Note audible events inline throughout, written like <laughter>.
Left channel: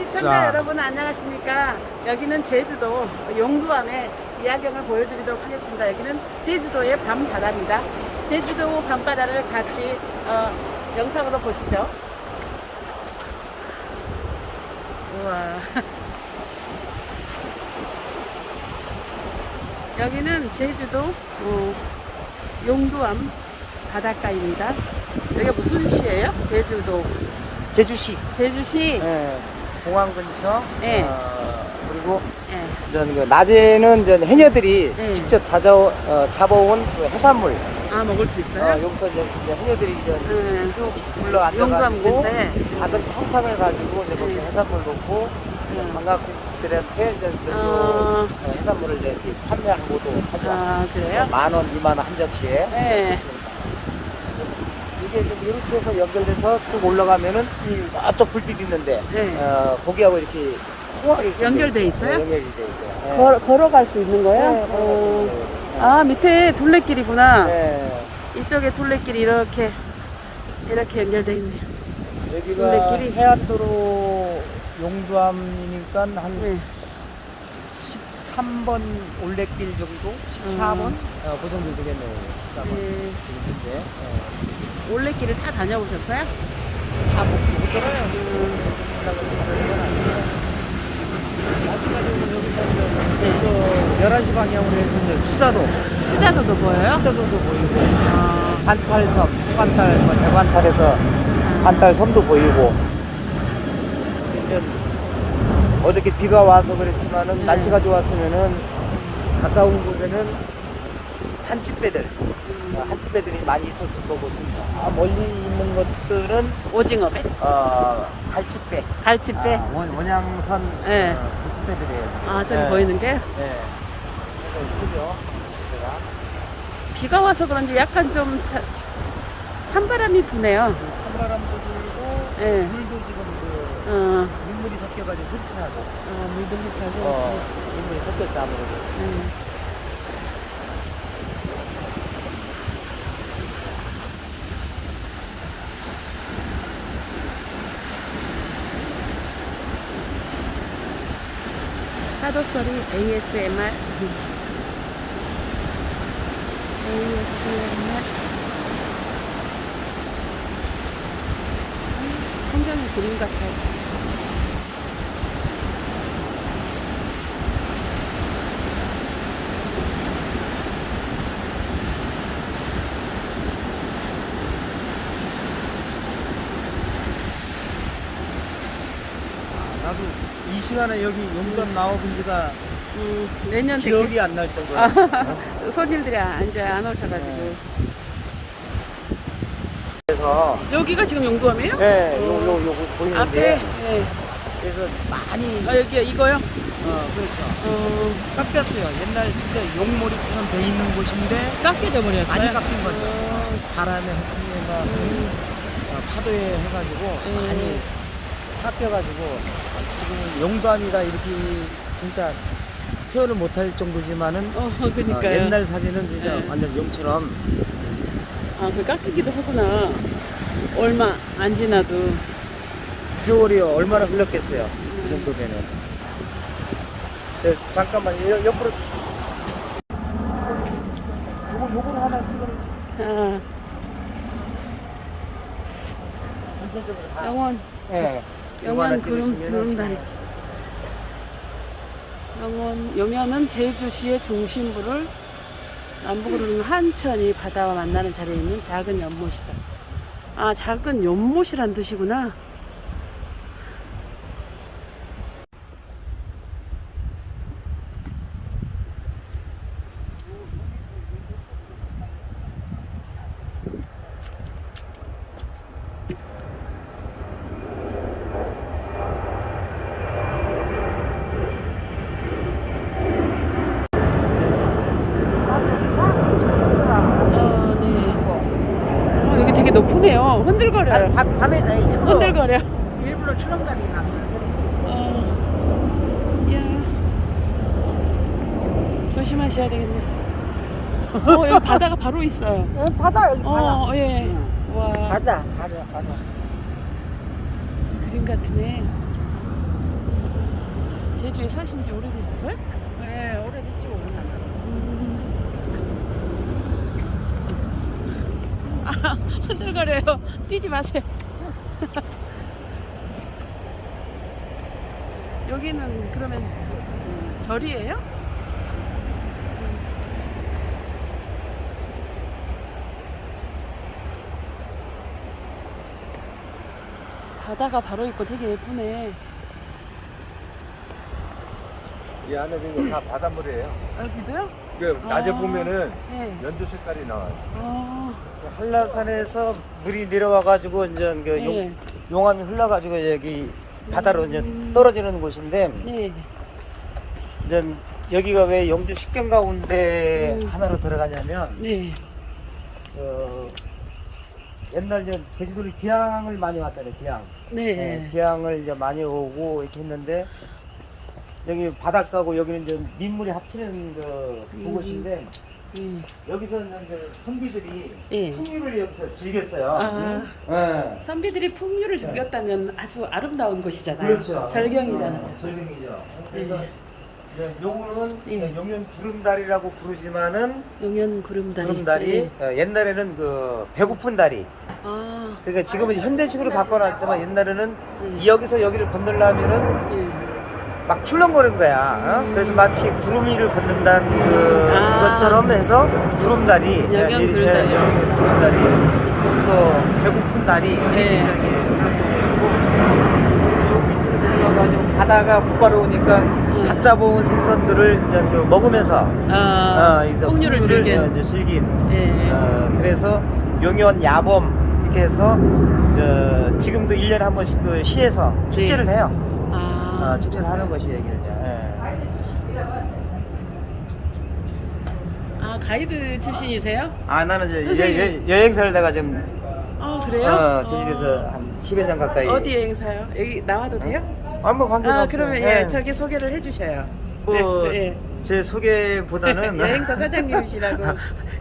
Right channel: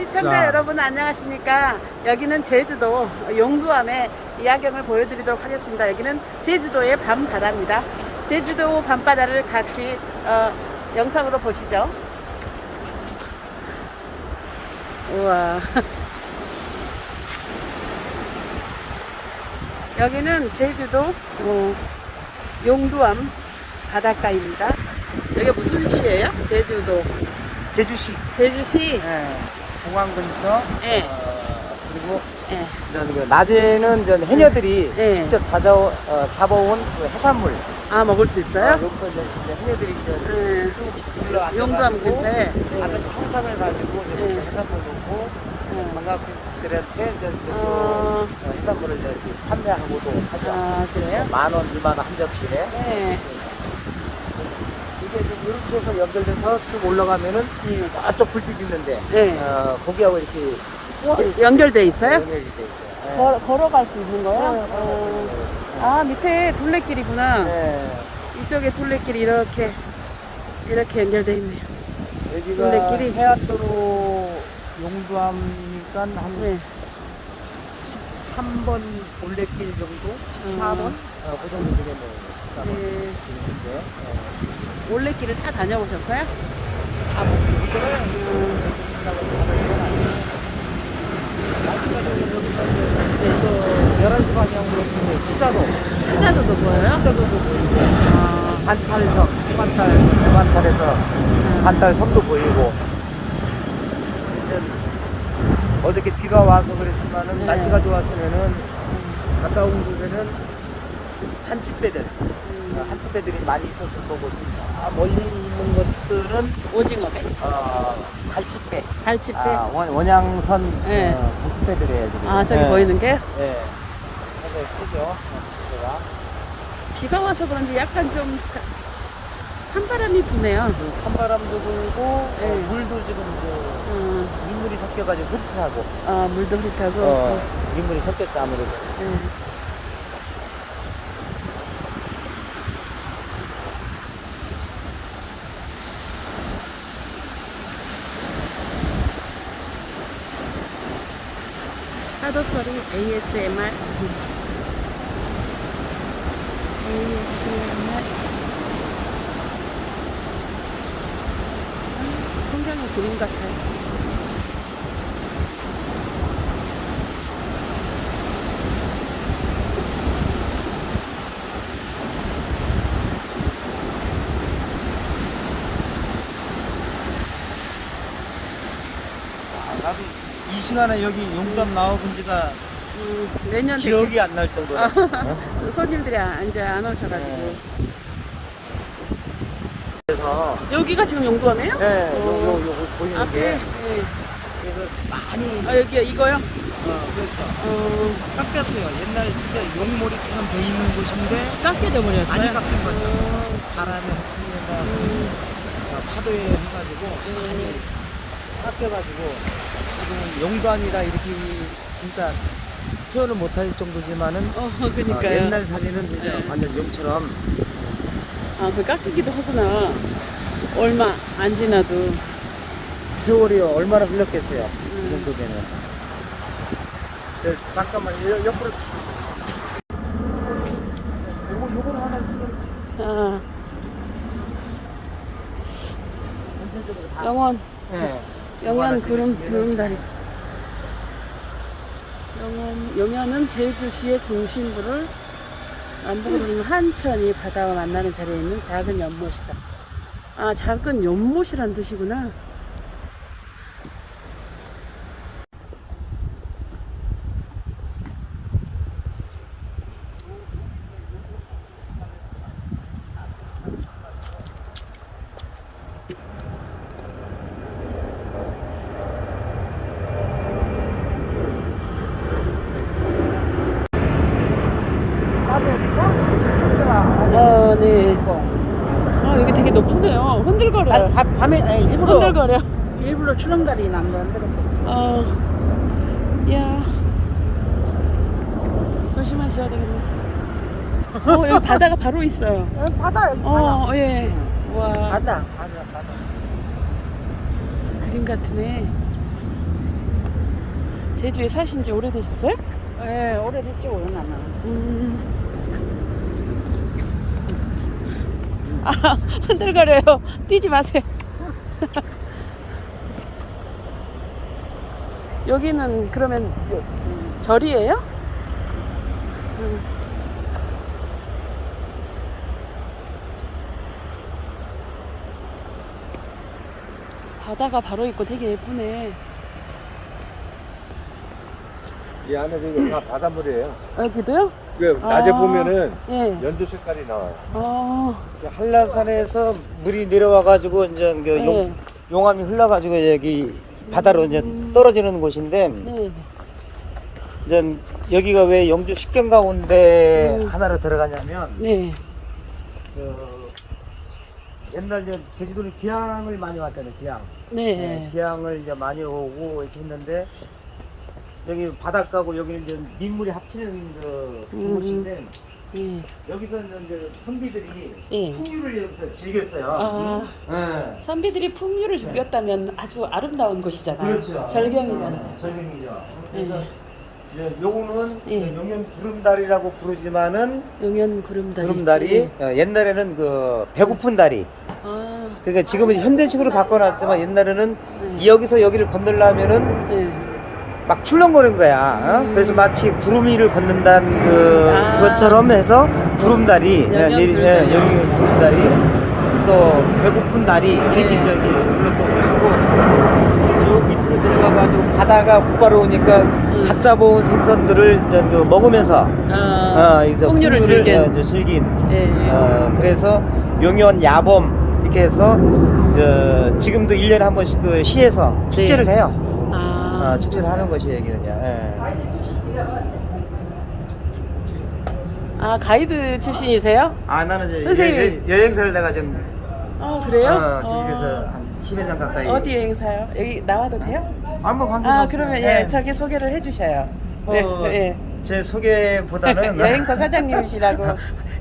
시청자 자. 여러분 안녕하십니까? 여기는 제주도 용두암의 이야경을 보여드리도록 하겠습니다. 여기는 제주도의 밤바다입니다. 제주도 밤바다를 같이 어, 영상으로 보시죠. 우와. <laughs> 여기는 제주도 어, 용두암 바닷가입니다. 여기 무슨 시예요? 제주도 제주시 제주시. 예, 공항 근처 예. 어, 그리고 예. 이제 낮에는 이제 해녀들이 예. 직접 잡아, 어, 잡아온 그 해산물 아 먹을 수 어, 있어요? 여기서 이제, 이제 해녀들이 이제 예. 쭉 불러 용두암 근처에. 작은 통상을 가지고 이제 예. 해산물 놓고 예. 관광객들한테 이제 이제 어, 그 해산물을 이제 이렇게 판매하는 거죠. 아 그래요? 만 원, 이만 원 한 접시에 예. 이게 좀 이렇게 해서 연결돼서 쭉 올라가면은 예. 저쪽 불빛 있는데 예. 어, 거기하고 이렇게 연결돼 있어요? 연결이 돼 있어요. 예. 걸, 걸어갈 수 있는 거예요? 네, 어, 네, 아 밑에 둘레길이구나. 네. 이쪽에 둘레길이 이렇게 이렇게 연결돼 있네요. 여기가 둘레길이? 해안도로 용두암이니까 한 네. 13번 올레길 정도? 14번? 어, 그 정도 되겠네요. 네. 지금 현재. 예. 올레길을 다 다녀보셨어요? 다 먹고 음, 그 11시 방향으로 이제 추자도, 투자도도 보여요? 아, 반탈섬, 소반탈, 소반탈에서 아, 반탈 섬도 보이고. 이제 어저께 비가 와서 그랬지만은 네. 날씨가 좋았으면은 음, 가까운 곳에는 한치배들, 음. 한치배들이 많이 있었을 거고 멀리 있는 곳들은 오징어배, 어, 갈치배, 갈치배. 아, 원, 원양선 네. 어, 갈치배들이에요. 아 저기 네. 보이는 게 네. 비가 와서 그런지 약간 좀 차- 찬바람이 부네요. 그 찬바람도 불고 네. 어, 물도 지금 그 어, 민물이 섞여가지고 흡수하고 아, 물도. 어, 민물이 섞였다 아무래도 네. 파도 소리 ASMR. ASMR. <laughs> 성장의 그림 같아요. 나도 이 시간에 여기 용담 나와본 지가 음, 내년 기억이 안 날 정도로 아, <laughs> 손님들이 안- 이제 안 오셔가지고 여기가 지금 용두암이에요? 네, 어, 요거 요거 보이는데 앞에 예. 그래서 많이 아 여기 이거요? 어, 그렇죠 어, 깎였어요 옛날에 진짜 용머리처럼 돼 있는 곳인데 깎여져 버렸어요. 깎인 거예요. 어, 바람이 한풍이나 음, 파도 해가지고 예. 많이 깎여가지고 지금 용담이가 이렇게 진짜 표현을 못할 정도지만은 어, 어, 그니까요. 옛날 사진은 진짜 네. 완전 용처럼 아, 그 깎이기도 하구나. 얼마 안 지나도. 세월이 얼마나 흘렀겠어요 음. 그 정도면은 네, 잠깐만 요- 옆으로 요거 요거를 하나 찍어 아, 영원, 네. 영현 구름, 구름다리. 영원, 영현은 제주시의 중심부를 남북으로 흐르는 한천이 바다와 만나는 자리에 있는 작은 연못이다. 아, 작은 연못이란 뜻이구나. 아, 네. 아, 여기 되게 높으네요. 흔들거려요. 밤, 밤에 아니, 일부러, 흔들거려. 일부러 추렁다리 난거 어, 야. 조심하셔야 되겠네. 어, 여기 바다가 바로 있어요. <laughs> 여기 바다 여기 어, 예. 와, 바다 바다 그림 같으네. 제주에 사신 지 오래되셨어요? 네, 오래됐죠, 오래나면. 음. 아, <laughs> 흔들거려요. 뛰지 마세요. 여기는 그러면 절이에요? 음. 바다가 바로 있고 되게 예쁘네. 이 안에 그다 바닷물이에요. 여기도요? 그 낮에 아. 보면은 예. 연두 색깔이 나와요. 아, 한라산에서 물이 내려와가지고 이제 그 네. 용, 용암이 흘러가지고 여기 바다로 이제 음. 떨어지는 곳인데 네. 이제 여기가 왜 영주 식경 가운데 음. 하나로 들어가냐면 네. 그 옛날 이제 제주도는 기항을 많이 왔잖아요. 기항. 네. 기항을 이제 많이 오고 이렇게 했는데 여기 바닷가고 여기는 이제 민물이 합치는 그 음. 곳인데 예. 여기서는 이제 선비들이 예. 풍류를 여기서 즐겼어요. 아, 예. 선비들이 풍류를 즐겼다면 아주 아름다운 곳이잖아요. 그렇죠. 절경이잖아요. 어, 절경이죠. 그래서 예. 이제 요거는 예. 용연 구름다리라고 부르지만은 용연 구름다리. 구름다리 예. 어, 옛날에는 그 배고픈 다리. 아, 그러니까 지금은 현대식으로 바꿔놨지만 옛날에는 네. 여기서 여기를 건너려면은 네. 막 출렁거리는 거야. 어? 음. 그래서 마치 구름 위를 걷는다는 그 아. 것처럼 해서 구름다리, 구름다리요. 예, 여기 구름다리, 또 배고픈 다리 이렇게 네. 이제 이렇게 그리고 요 밑으로 내려가가지고 바다가 곧바로 오니까 음. 갓 잡아온 생선들을 이제 그 먹으면서 아, 어, 이제 풍류를 즐긴. 이제 즐긴. 예. 어, 그래서 용연 야범 이렇게 해서 그 지금도 1년에 한 번씩 그 시에서 축제를 네. 해요. 아, 어, 축제를 하는 것이 여기는 이제. 예. 아 가이드 출신이세요? 아 나는 이제 선생님. 여, 여행사를 내가 지금 어, 그래요? 어, 제주에서 한 10여 년 가까이 어디 여행사요? 여기 나와도 돼요? 한번 관계 아, 그러면 예, 저기 소개를 해주셔요. 뭐, 네, 예. 제 소개보다는 <laughs> 여행사 사장님이시라고.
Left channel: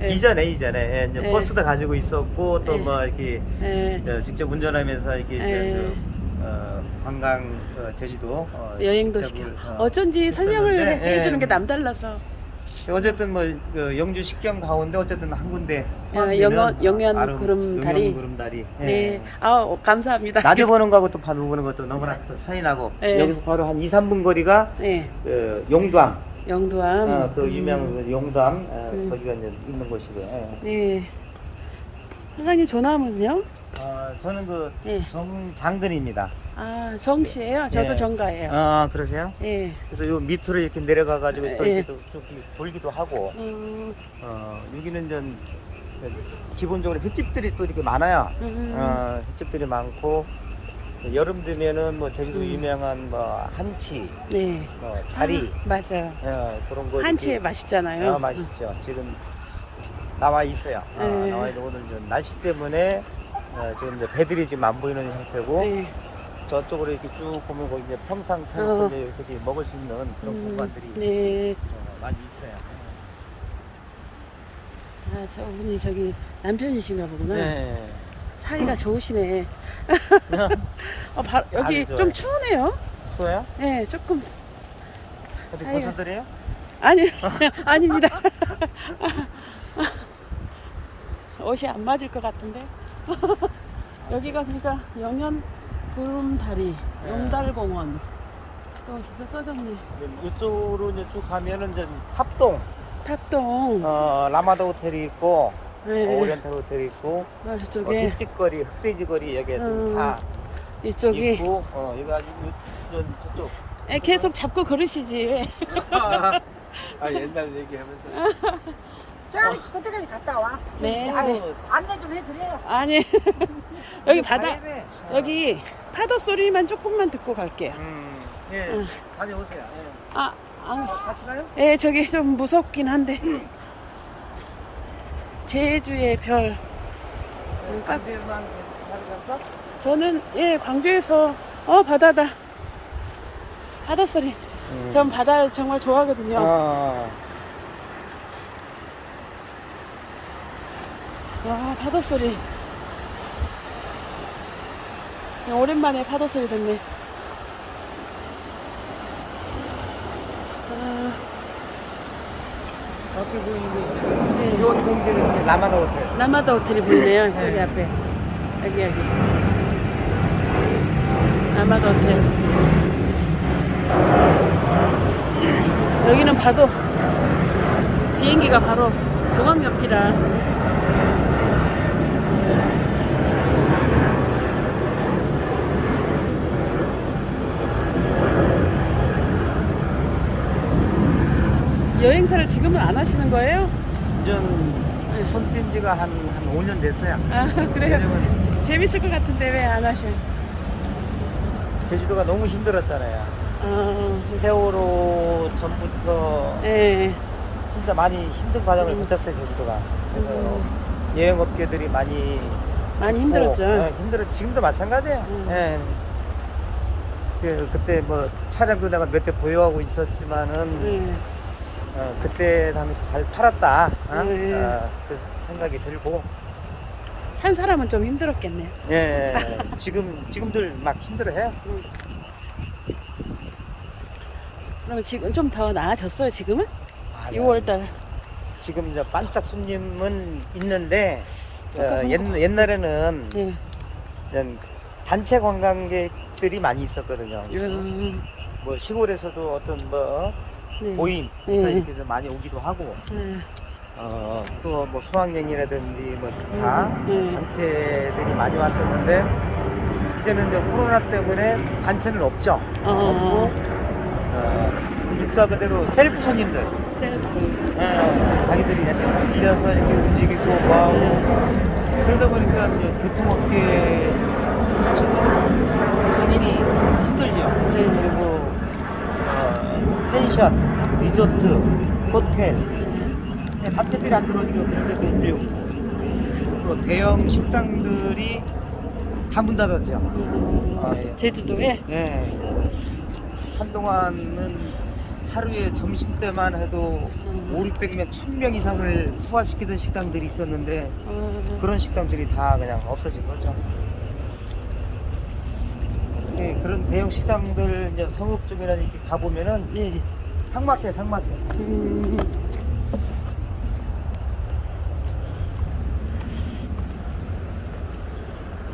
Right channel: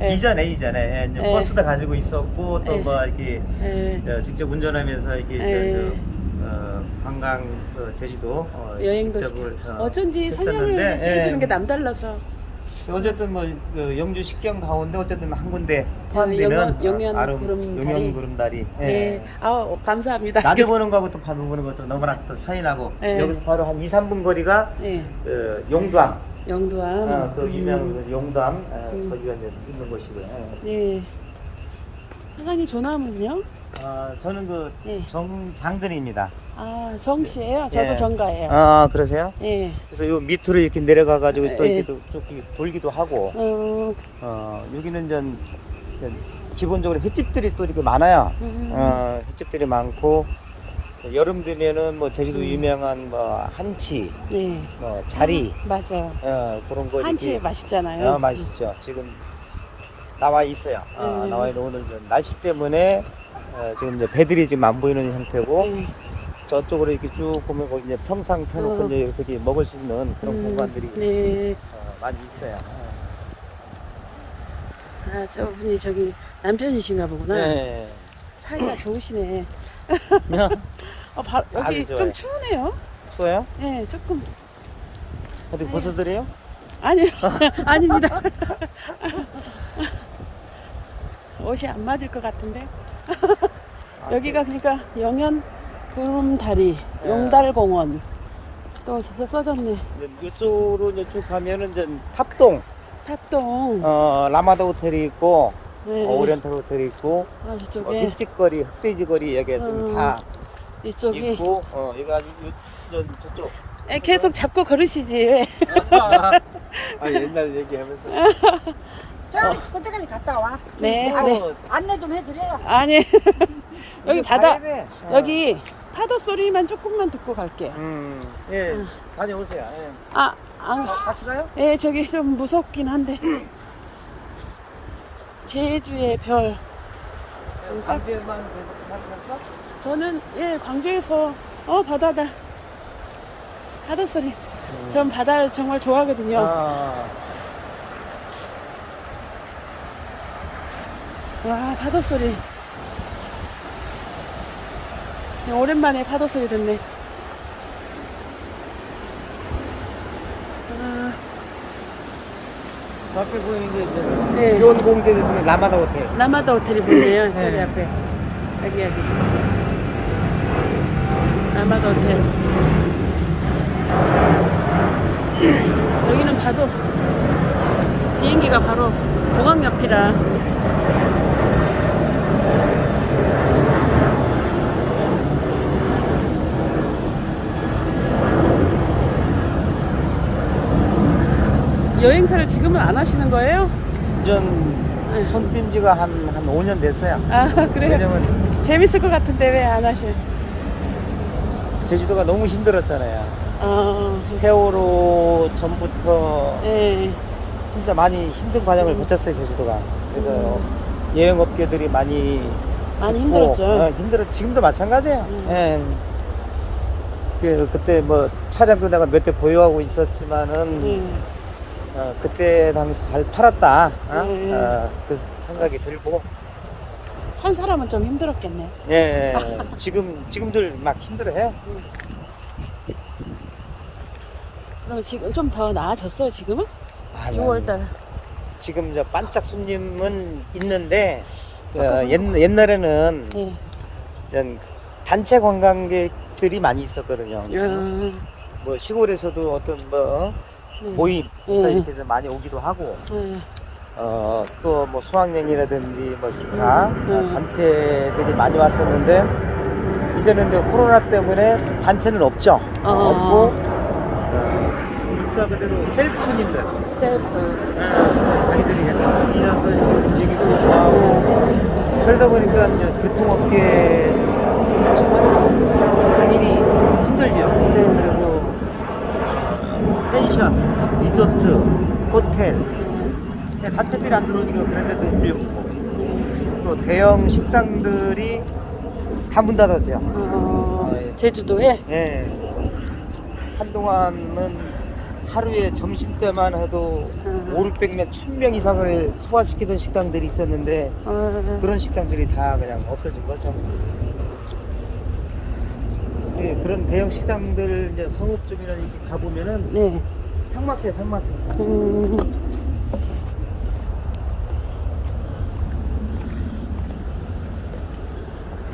예. <laughs> 이전에 이전에 예, 이제 예. 버스도 가지고 있었고 또 예. 뭐 이렇게 예. 어, 직접 운전하면서 이렇게 이제 예. 그, 어, 관광 어, 제주도 어, 여행도 직접을. 어, 어쩐지 설명을 했었는데, 해- 해주는 예. 게 남달라서. 어쨌든 뭐 그 영주 식경 가운데 어쨌든 한 군데 아, 포함되는 영연- 영연 어, 구름다리. 영연 구름다리 예. 네. 아, 감사합니다. 낮에 <laughs> 보는 거하고 또 밤에 보는 것도 너무나 또 차이 나고 네. 여기서 바로 한 2, 3분 거리가 네. 그 용두암 영두암. 어, 그 유명한 음. 그 용두암 어, 음. 거기가 이제 있는 곳이고요. 예. 네. 사장님 전화문요? 아 저는 그 네. 정장근입니다. 아, 정씨예요? 저도 예. 정가예요. 아 그러세요? 예. 그래서 요 밑으로 이렇게 내려가 가지고 또 예. 이렇게 또쭉 돌기도 하고 음, 어 여기는 전 기본적으로 횟집들이 또 이렇게 많아요. 음. 어, 횟집들이 많고 여름 되면은 뭐 제주도 음. 유명한 뭐 한치, 네. 뭐 자리 아, 맞아요. 어, 그런 거 이렇게- 맛있잖아요. 아, 맛있죠. 지금 나와 있어요. 어, 네. 나와 있는 오늘 좀 날씨 때문에 어, 지금 이제 배들이 지금 안 보이는 형태고 네. 저쪽으로 이렇게 쭉 보면 거기 이제 평상 어. 펴놓고 이제 여기서 이렇게 먹을 수 있는 그런 음, 공간들이 네. 어, 많이 있어요. 아, 저분이 저기 남편이신가 보구나. 네. 사이가 좋으시네. <laughs> 어, 바, 여기 아주 좀 좋아요. 추우네요. 추워요? 네, 조금. 어디 사이가- 고수들이에요? 아니요, <laughs> 아닙니다. <laughs> 옷이 안 맞을 것 같은데. 여기가 그러니까 영현 구름다리, 용달공원. 또 써- 써졌네. 이제 이쪽으로 이제 쭉 가면은 이제 탑동, 탑동. 어, 라마다 호텔이 있고 네. 오리엔트 호텔이 있고 아, 뭐 저쪽에 흑집거리, 흑돼지거리 여기 음, 좀다 이쪽이 있고 어, 이거 아주 이- 저- 저쪽 에, 계속 잡고 걸으시지. 왜? <laughs> 아, 옛날 얘기하면서 <laughs> 저기 그때까지 갔다 와. 네, 아, 네. 안내 좀 해드려요. 아니 <laughs> 여기 바다. 여기 파도 소리만 조금만 듣고 갈게요. 음, 예, 어. 다녀오세요. 예. 아, 아, 같이 가요? 예, 저기 좀 무섭긴 한데 제주의 별. 음, 깜- 광주에만 계속 살으셨어? 저는 예 광주에서 어 바다다 바다 소리. 전 바다를 정말 좋아하거든요. 아, 와 파도 소리. 그냥 오랜만에 파도 소리 듣네. 아, 그 앞에 보이는 게 네. 이제 공제에서 라마다 호텔. 라마다 호텔이 보이네요. <laughs> 네. 저기 앞에. 여기, 여기. 라마다 호텔. 여기는 봐도 비행기가 바로 공항 옆이라 여행사를 지금은 안 하시는 거예요? 전 손빈 지가 한, 한 5년 됐어요. 아 그래요? 왜냐면 재밌을 것 같은데 왜 안 하셔? 제주도가 너무 힘들었잖아요. 어, 세월호 전부터 예. 진짜 많이 힘든 과정을 음. 거쳤어요, 제주도가. 그래서 음. 여행업계들이 많이 많이 힘들었죠. 어, 힘들었. 지금도 마찬가지예요. 음. 예. 그, 그때 뭐 차량도 내가 몇 대 보유하고 있었지만은 예. 어, 그때 당시 잘 팔았다. 어? 예, 예. 어, 그 생각이 들고. 산 사람은 좀 힘들었겠네요. 예, 예. <laughs> 지금 지금들 막 힘들어해. 음. 그러면 지금 좀 더 나아졌어요, 지금은? 아, 6월달. 지금 저 반짝 손님은 있는데 어, 아까 옛, 보니까- 옛날에는 예. 이런 단체 관광객들이 많이 있었거든요. 어, 뭐 시골에서도 어떤 뭐 네. 모임 예. 이렇게 해서 많이 오기도 하고 예. 어, 또 뭐 수학여행이라든지 뭐 기타 음, 네. 단체들이 많이 왔었는데 이제는 이제 코로나 때문에 단체는 없죠. 어. 없고 어, 문자 그대로 셀프 손님들 셀프. 예, 자기들이 이렇게 빌려서 이렇게 움직이고 뭐하고 네. 그러다 보니까 이제 교통업계 측은 당연히 힘들죠. 네. 그리고 어, 펜션, 리조트, 호텔 예. 그냥 단체들이 안 들어오니까 그런 데도 힘들고 예. 또 대형 식당들이 다 문 닫았죠. 어, 아, 예. 제주도에? 예. 한동안은 하루에 점심 때만 해도 음. 5, 600명, 1000명 이상을 소화시키던 식당들이 있었는데 어, 그런 식당들이 다 그냥 없어진 거죠. 예, 그런 대형 식당들 이제 성읍 쪽이나 이렇게 가보면은 네. 상막해. 음,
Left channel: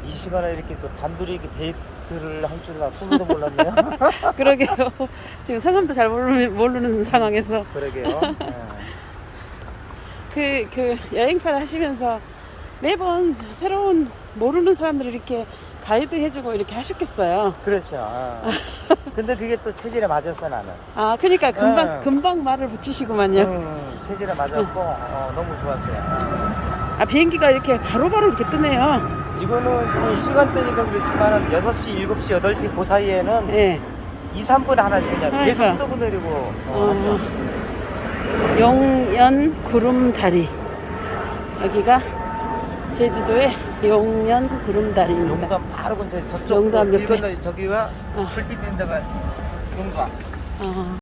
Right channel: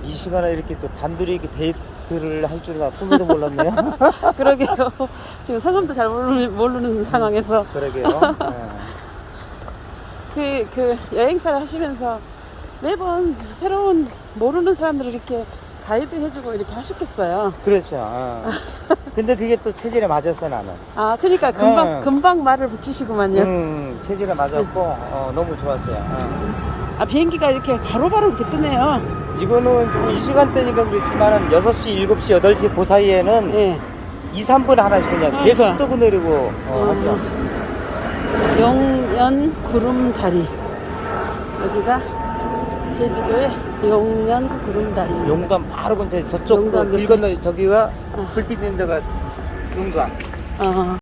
이 시간에 이렇게 또 단둘이 이렇게 데이트를 할 줄은 꿈에도 몰랐네요. <laughs> 그러게요. 지금 성함도 잘 모르는, 모르는 상황에서 그러게요. 예. 그, 그 여행사를 하시면서 매번 새로운 모르는 사람들을 이렇게 가이드 해주고 이렇게 하셨겠어요. 그렇죠. 어. <laughs> 근데 그게 또 체질에 맞았어 나는. 아, 그러니까 금방 네. 금방 말을 붙이시구만요. 음, 체질에 맞았고 어, 너무 좋았어요. 아, 비행기가 이렇게 바로바로 이렇게 뜨네요. 이거는 좀 시간대니까 그렇지만 6시, 7시, 8시 그 사이에는 예. 2, 3분에 하나씩 그냥 그러니까. 계속 뜨고 내리고 어, 어, 용연 구름다리. 여기가 제주도의 용연 구름다리입니다. 용감 바로 근처에 저쪽 용감 길 옆에. 건너 저기가 아. 불빛 있는 데가 용감. 어.